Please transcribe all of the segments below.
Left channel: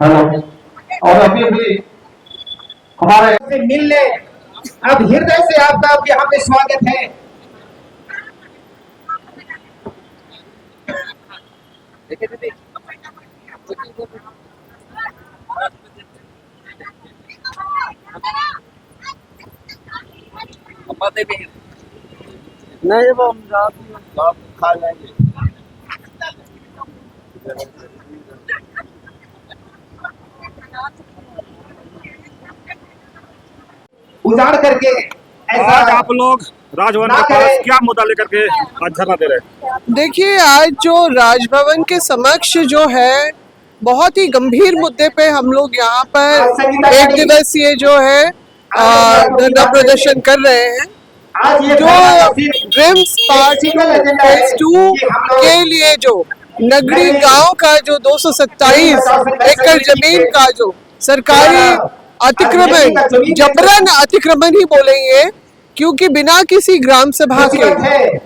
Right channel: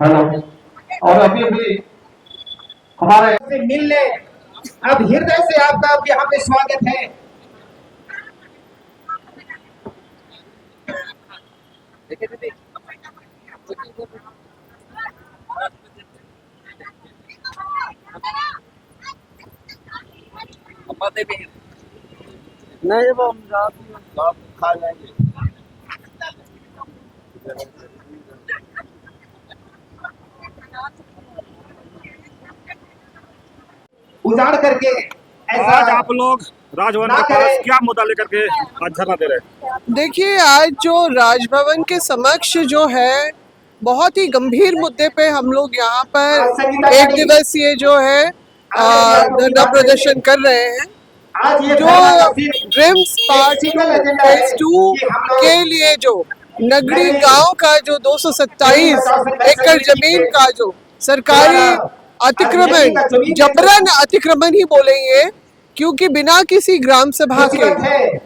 Hello. और अभी भी हमारे से मिलने अब हृदय से आपका यहाँ पे स्वागत है। नहीं वो हम रात खा लेंगे। उजाड़ करके ऐसा आज आप लोग राजभवन के पास क्या मुद्दा लेकर के आज धरना दे रहे हैं? देखिए, आज जो राजभवन के समक्ष जो है बहुत ही गंभीर मुद्दे पे हम लोग यहाँ पर एक दिवसीय जो है धरना प्रदर्शन कर रहे हैं। जो ड्रीम्स पार्ट फेज 2 के लिए जो नगरी गांव का जो 227 एकड़ जमीन का जो सरकारी अतिक्रमण, जबरन अतिक्रमण ही बोलेंगे, क्योंकि बिना किसी ग्राम सभा के,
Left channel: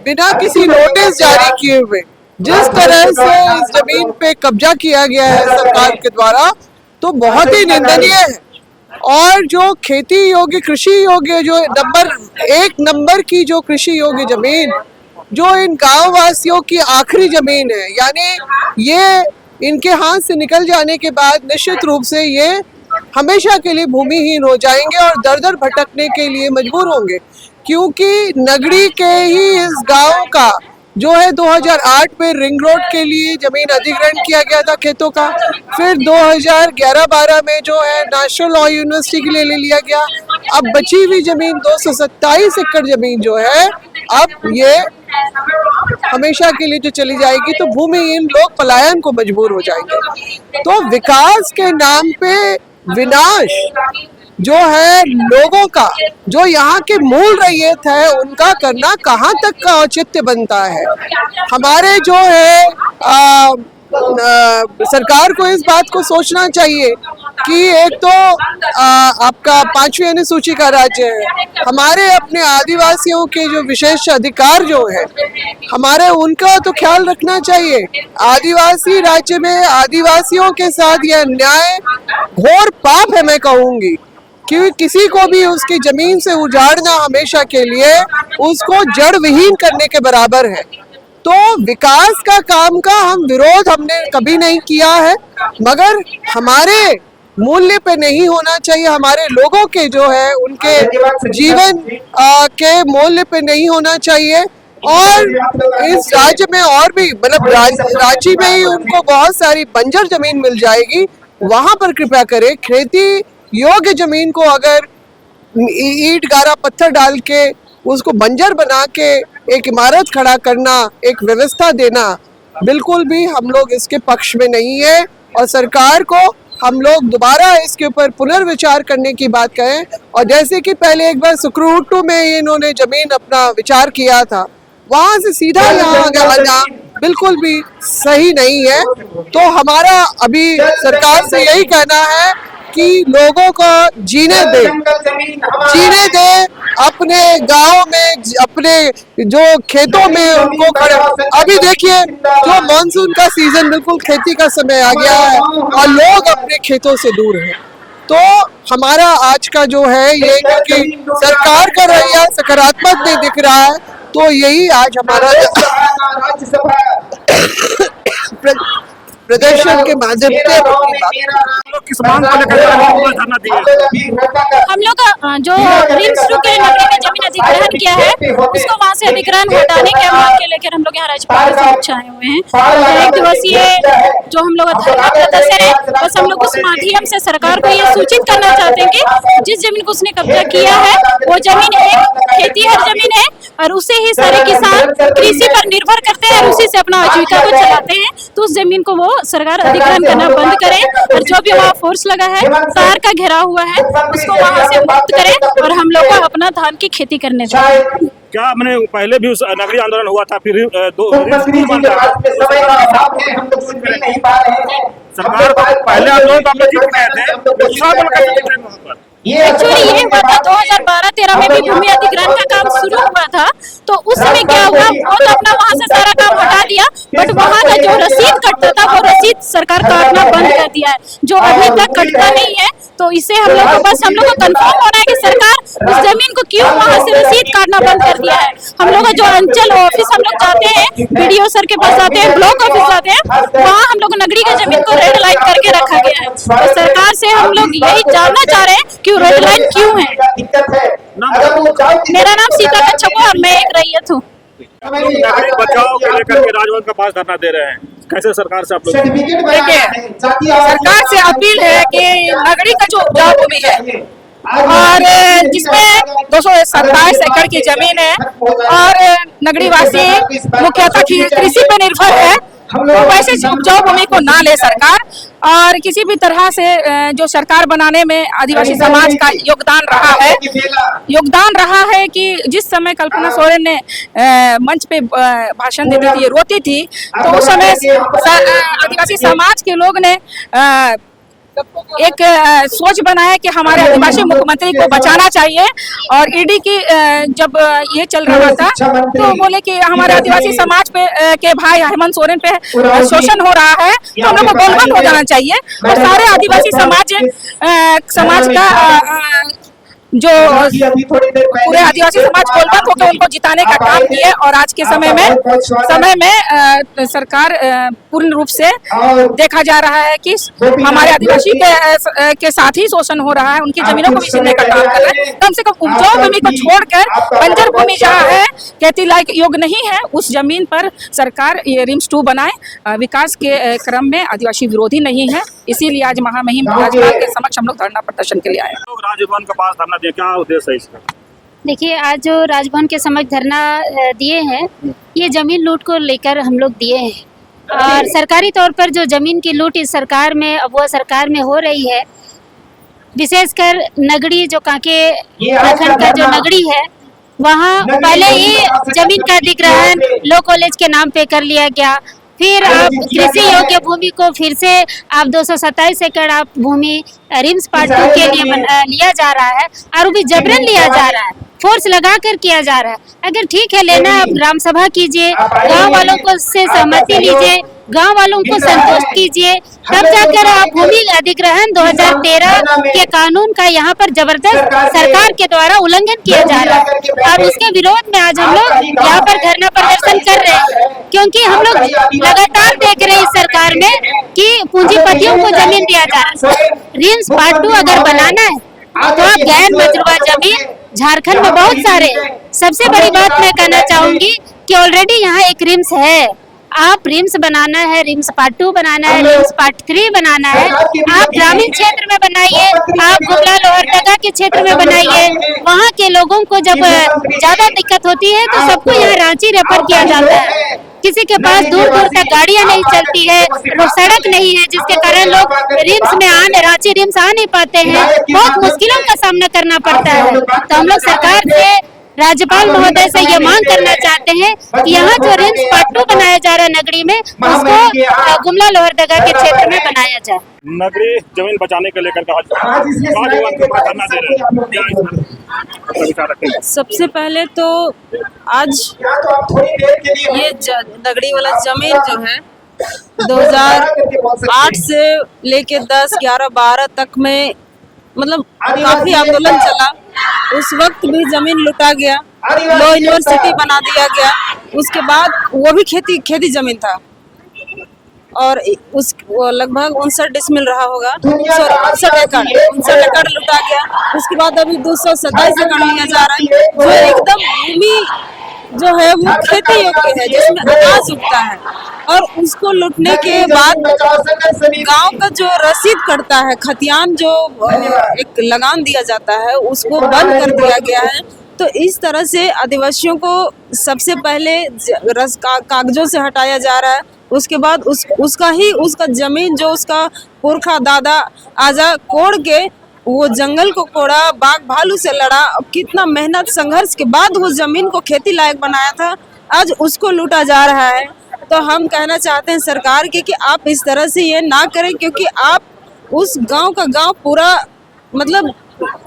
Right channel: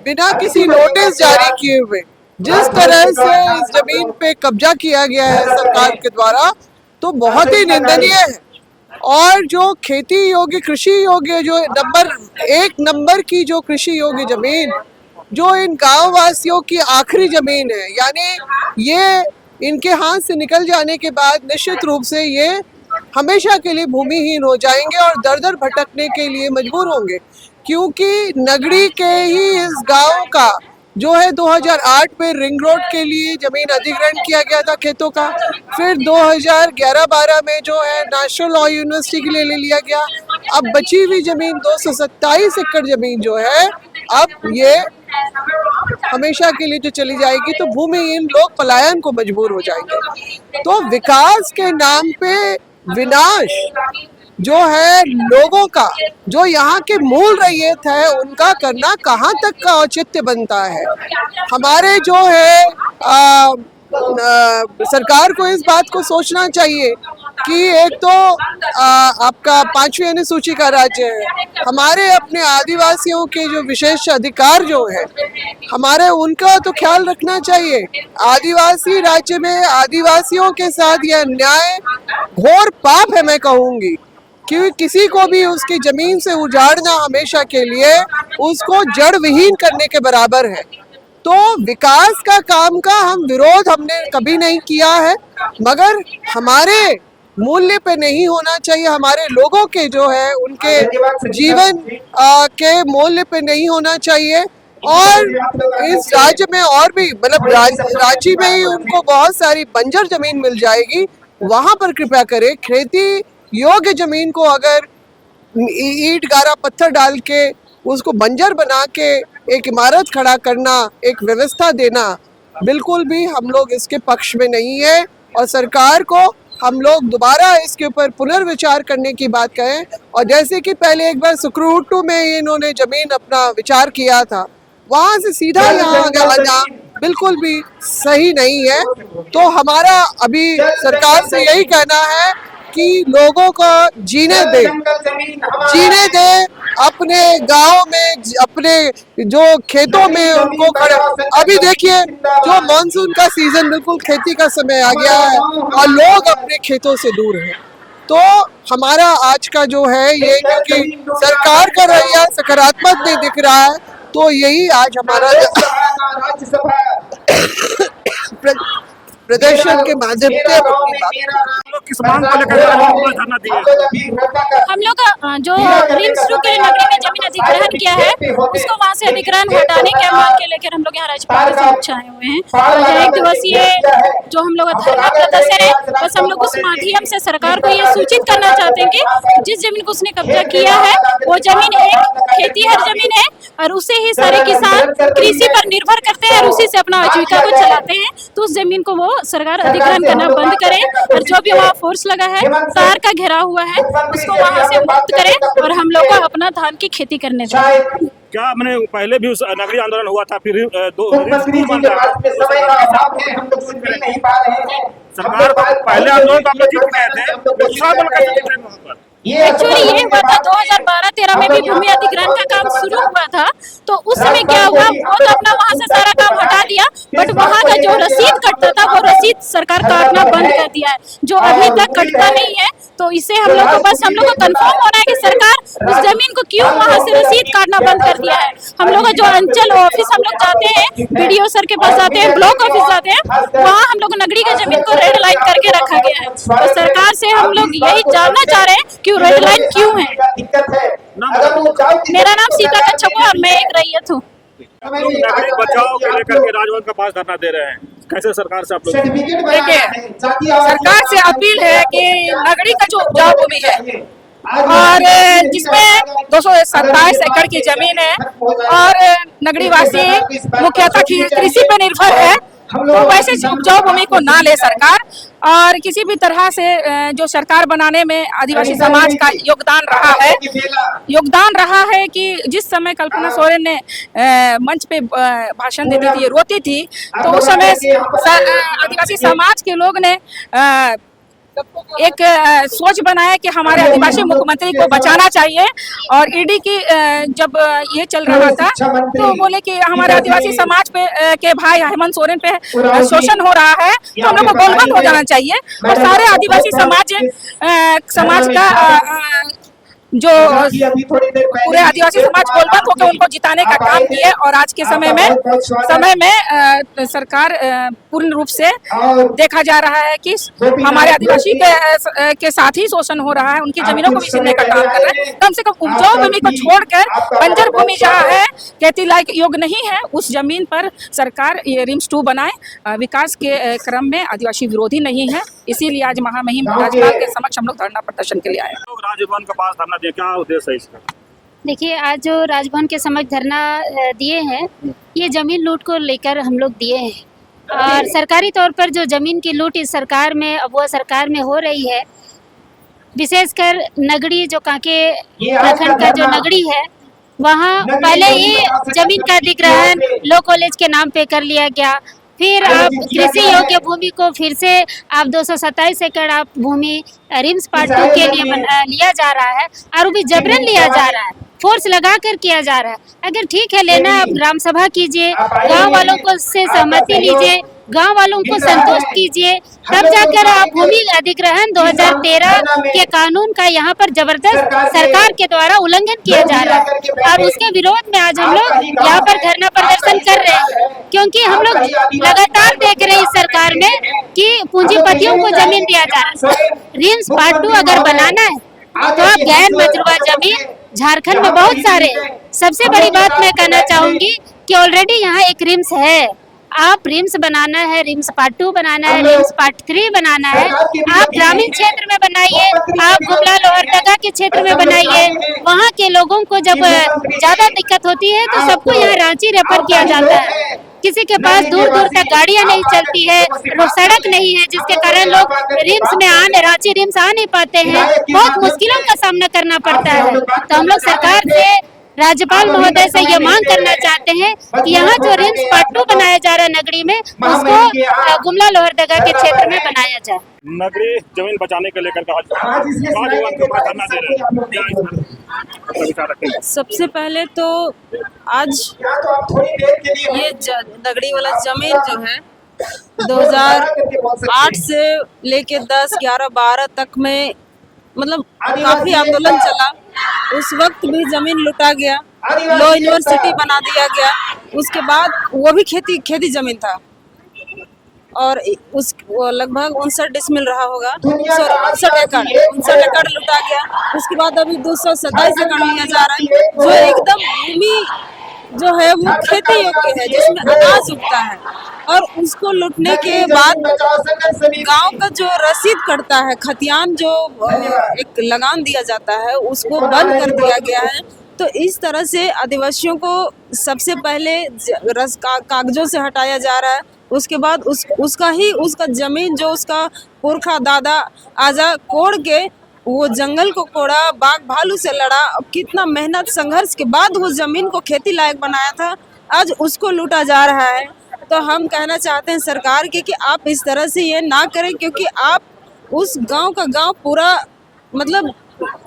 बिना किसी नोटिस जारी किए हुए जिस तरह से इस जमीन पे कब्जा किया गया है सरकार के द्वारा, तो बहुत ही निंदनीय है। और जो खेती योग्य, कृषि योग्य, जो एक नंबर की जो कृषि योग्य जमीन जो इन गांव वासियों की आखिरी जमीन है, यानी ये इनके हाथ से निकल जाने के बाद निश्चित रूप से ये हमेशा के लिए भूमिहीन हो जाएंगे और दर दर भटकने के लिए मजबूर होंगे, क्योंकि नगरी के ही इस गांव का जो है 2008 में रिंग रोड के लिए जमीन अधिग्रहण किया गया था खेतों का। फिर 2011-12 में जो है नेशनल लॉ यूनिवर्सिटी के लिए ले लिया गया। अब बची हुई जमीन 227 एकड़ जमीन जो है, अब ये हमेशा के लिए जो चली जाएगी तो भूमिहीन लोग पलायन को मजबूर हो जाएंगे। तो विकास के नाम पे विनाश जो है लोगों का, जो यहाँ के मूल रैयत है, उनका करना कहाँ तक का औचित्य बनता है। हमारे जो है सरकार को इस बात को सोचना चाहिए कि एक तो आपका 5वीं अनुसूची का राज्य है, हमारे अपने आदिवासियों के जो विशेष अधिकार जो है हमारे, उनका तो ख्याल रखना चाहिए। आदिवासी राज्य में आदिवासियों के साथ यह अन्याय घोर पाप है, मैं कहूँगी, कि किसी को भी उसकी जमीन से उजाड़ना हमेशा के लिए उसको जड़ विहीन करने के बराबर है। तो विकास का काम का हमने कभी नहीं किया है, मगर हमारे मूल्य पे नहीं होना चाहिए, हमारे लोगों के जो है उनके जीवन के मूल्य पे नहीं होना चाहिए। और इस राज्य में और भी, मतलब राज्य में ही उनको बहुत सारी बंजर जमीन मिल जाएगी, वहां पर कृपया करें। खेती योग्य जमीन को अगर ईंट गारा पत्थर डाल के उसको बंजर बना के एक इमारत खड़ा करना, एक व्यवस्था देना, बिल्कुल भी हम लोग इसके पक्ष में नहीं है। और सरकार को हम लोग दोबारा इसके ऊपर पुनर्विचार करने की बात कहें। और जैसे कि पहले एक बार सुक्रूटू में इन्होंने जमीन अपना विचार किया था, वहां से सीधा यहाँ आना बिल्कुल भी सही नहीं है। तो हमारा अभी सरकार से यही कहना है कि लोगों को जीने दे, अपने गांव में, अपने जो खेतों में उनको खड़े। अभी देखिए, जो मानसून का सीजन, बिल्कुल खेती का समय आ गया है और लोग अपने खेतों से दूर हैं। तो हमारा आज का जो है ये, क्योंकि सरकार का रवैया सकारात्मक नहीं दिख रहा है, तो यही आज हमारा प्रदर्शन के माध्यम से किस मांग को लेकर धरना दिए? हम लोग जो रिम्स टू के नगरी में जमीन अधिग्रहण किया है, उसको वहाँ से अधिग्रहण हटाने के मांग के लेकर हम लोग यहाँ राज्यपाल से पूछे आए हुए हैं। एक दिवसीय जो हम लोग धरना प्रदर्शन है, बस हम लोग उस माध्यम से सरकार को ये सूचित करना चाहते हैं कि जिस जमीन को उसने कब्जा किया है वो जमीन एक खेतीहर जमीन है और उसे ही सारे किसान कृषि पर निर्भर करते हैं और उसी से अपना आजीविका को चलाते हैं। तो उस जमीन को वो सरकार अधिग्रहण करना बंद करे और जो भी वहाँ फोर्स लगा है, तार का घेरा हुआ है, उसको वहाँ से मुक्त करे और हम लोग को अपना धान की खेती करने दें। क्या मैंने पहले भी उस नगरीय आंदोलन हुआ था, फिर सरकार पहले आंदोलन आप जीत गए थे। एक्चुअली ये हुआ था 2012-13 में भी भूमि अधिग्रहण का काम शुरू हुआ था, तो उस समय क्या हुआ, वो तो अपना वहाँ से सारा काम हटा दिया बट वहाँ का जो रसीद कटता था वो रसीद सरकार काटना बंद कर दिया है, जो अभी तक कटता नहीं है। तो इससे हम लोग को कंफर्म होना है कि सरकार उस जमीन को क्यों वहाँ से रसीद काटना बंद कर दिया है। हम लोग जो अंचल ऑफिस हम लोग जाते हैं, BDO सर के पास जाते हैं, ब्लॉक ऑफिस जाते हैं, वहाँ हम लोग नगरी की जमीन को रेड लाइन करके रखा गया है। तो सरकार से हम लोग यही जानना चाह रहे हैं कि रेड लाइन क्यों है। मेरा नाम सीता कच्छप है और मैं एक रैयत हूँ। नागरिक बचाओ को लेकर के राजभवन के पास धरना दे रहे हैं, कैसे सरकार से आप लोग? देखिए, सरकार से अपील है कि नगरी का जो उपजाऊ भूमि है और जिसमें 227 एकड़ की जमीन है और नगरी वासी मुख्यतः कृषि पर निर्भर है, तो वैसे उपजाऊ भूमि को ना ले सरकार। और किसी भी तरह से जो सरकार बनाने में आदिवासी समाज का योगदान रहा है कि जिस समय कल्पना सोरेन ने मंच पे भाषण देती थी, रोती थी, तो उस समय आदिवासी समाज के लोग ने एक सोच बनाया कि हमारे आदिवासी मुख्यमंत्री को बचाना चाहिए। और ईडी की जब ये चल रहा था तो बोले कि हमारे आदिवासी समाज पे के भाई हेमंत सोरेन पे शोषण हो रहा है, तो हम लोग को गोलबंद हो जाना चाहिए। और सारे आदिवासी समाज का जो पूरे आदिवासी समाज गोलबंद होकर उनको जिताने का काम किए। और आज के समय में सरकार पूर्ण रूप से देखा जा रहा है कि हमारे आदिवासी के साथ ही शोषण हो रहा है, उनकी जमीनों को भी छीनने का काम कर रहे हैं। कम से कम उपजाऊ भूमि को छोड़कर बंजर भूमि जहाँ है, खेती लायक योग्य नहीं है, उस जमीन पर सरकार ये रिम्स 2 बनाए। विकास के क्रम में आदिवासी विरोधी नहीं है, इसीलिए आज महामहिम राज्यपाल के समक्ष हम लोग धरना प्रदर्शन के लिए आए। राजभवन के पास धरना दिया, क्या उद्देश्य है इसका? देखिए, आज जो राजभवन के समक्ष धरना दिए हैं, ये जमीन लूट को लेकर हम लोग दिए हैं। और सरकारी तौर पर जो जमीन की लूट इस सरकार में वो सरकार में हो रही है, विशेषकर नगरी जो कांके प्रखंड का जो नगरी है, वहाँ पहले ही जमीन का अधिग्रहण लॉ कॉलेज के नाम पे कर लिया गया। फिर आप कृषि योग्य भूमि को फिर से आप 227 एकड़ आप भूमि रिम्स पार्ट 2 के लिए लिया जा रहा है और वो भी जबरन लिया जा रहा है, फोर्स लगा कर किया जा रहा है। अगर ठीक है लेना, आप ग्राम सभा कीजिए, गांव वालों को से सहमति लीजिए, गांव वालों को संतुष्ट कीजिए, तब जाकर आप भूमि अधिग्रहण 2013 के कानून का यहाँ पर जबरदस्त सरकार के द्वारा उल्लंघन किया जा रहा है। और उसके विरोध में आज हम लोग यहाँ पर धरना प्रदर्शन कर रहे हैं, क्योंकि हम लोग लगातार देख रहे हैं इस सरकार में कि पूंजीपतियों को जमीन दिया जा रहा है। रिम्स पार्ट 2 अगर बनाना है तो आप गैर मजरूबा जमीन झारखंड में बहुत सारे। सबसे बड़ी बात मैं कहना चाहूंगी कि ऑलरेडी यहाँ एक रिम्स है, आप रिम्स बनाना है, रिम्स पार्ट 2 बनाना है, रिम्स पार्ट 3 बनाना है, आप ग्रामीण क्षेत्र में बनाइए, आप गुमला लोहरदगा के क्षेत्र में बनाइए। वहाँ के लोगों को जब ज्यादा दिक्कत होती है तो सबको यहाँ रांची रेफर किया जाता है। किसी के पास दूर दूर तक गाड़ियाँ नहीं चलती है, वो सड़क नहीं है, जिसके कारण लोग रिम्स में रांची रिम्स आ नहीं पाते हैं, बहुत मुश्किलों का सामना करना पड़ता है। तो हम लोग सरकार से, राज्यपाल महोदय से ये मांग करना चाहते हैं कि यहाँ जो रिम्स पार्ट 2 बनाया जा रहा है नगरी में, उसको गुमला लोहरदगा के क्षेत्र में बनाया जाए। नगरी जमीन बचाने के लेकर राजभवन के पास धरना दे रहे हैं, क्या इसमें विचार रखेंगे? सबसे पहले तो आज ये नगरी वाला जमीन जो है 2008 से लेके 10, 11, 12 तक में मतलब काफी आंदोलन चला। उस वक्त भी जमीन लुटा गया, लॉ यूनिवर्सिटी बना दिया गया। उसके बाद वो भी खेती जमीन था और उस लगभग 59 डिसमिल रहा होगा, 59 एकड़ लुटा गया। उसके बाद अभी 227 एकड़ लिया जा रहा है, जो एकदम भूमि जो है वो खेती योग्य है, जिसमें अनाज उगता है। और उसको लूटने के बाद गांव का जो रसीद कटता है, खतियान जो एक लगान दिया जाता है, उसको बंद कर दिया गया है। तो इस तरह से आदिवासियों को सबसे पहले कागजों से हटाया जा रहा है। उसके बाद उसका जमीन जो उसका पुरखा दादा आजा कोड़ के वो जंगल को कोड़ा, बाघ भालू से लड़ा, कितना मेहनत संघर्ष के बाद वो जमीन को खेती लायक बनाया था, आज उसको लूटा जा रहा है। तो हम कहना चाहते हैं सरकार के कि आप इस तरह से ये ना करें, क्योंकि आप उस गांव का गांव पूरा मतलब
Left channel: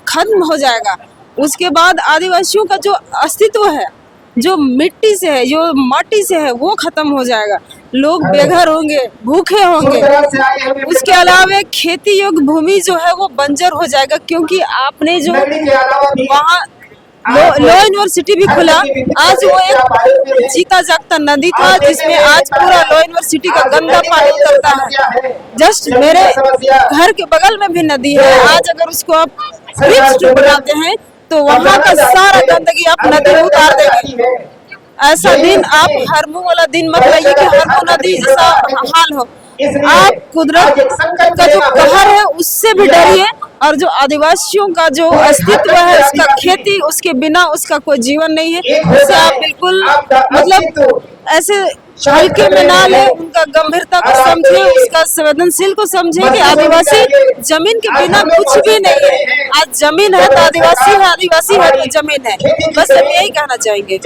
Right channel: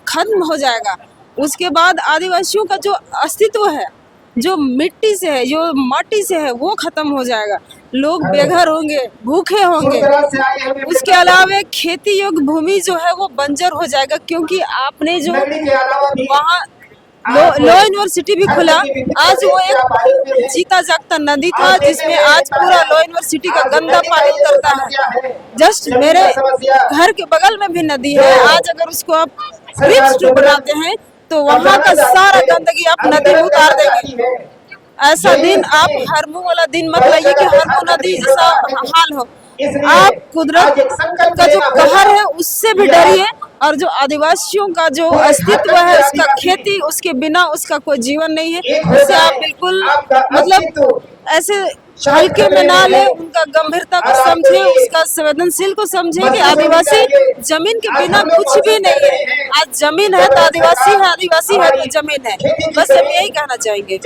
खत्म हो जाएगा। उसके बाद आदिवासियों का जो अस्तित्व है, जो मिट्टी से है, जो माटी से है, वो खत्म हो जाएगा। लोग बेघर होंगे, भूखे होंगे। उसके अलावा खेती योग्य भूमि जो है वो बंजर हो जाएगा, क्योंकि आपने जो वहाँ लॉ यूनिवर्सिटी भी खुला, आज वो एक जीता जागता नदी था जिसमें आज पूरा लॉ यूनिवर्सिटी का गंदा पानी उतरता है। जस्ट मेरे घर के बगल में भी नदी है, आज अगर उसको आप रिम्स ट्रू बनाते हैं तो वहाँ का सारा गंदगी आप नदी में उतार देंगे। ऐसा दिन आप हरमू वाला दिन मत लाइए कि हरमू नदी जैसा हाल हो। आप कुदरत का जो कहर है उससे भी डरिए, और जो आदिवासियों का जो अस्तित्व है, उसका खेती, उसके बिना उसका कोई जीवन नहीं है, उससे आप बिल्कुल मतलब ऐसे हल्के में ना ले, उनका गंभीरता को समझे, उसका संवेदनशील को समझे कि आदिवासी जमीन के बिना कुछ भी नहीं है। आज जमीन है तो आदिवासी है, आदिवासी है तो जमीन है। बस हम यही कहना चाहेंगे।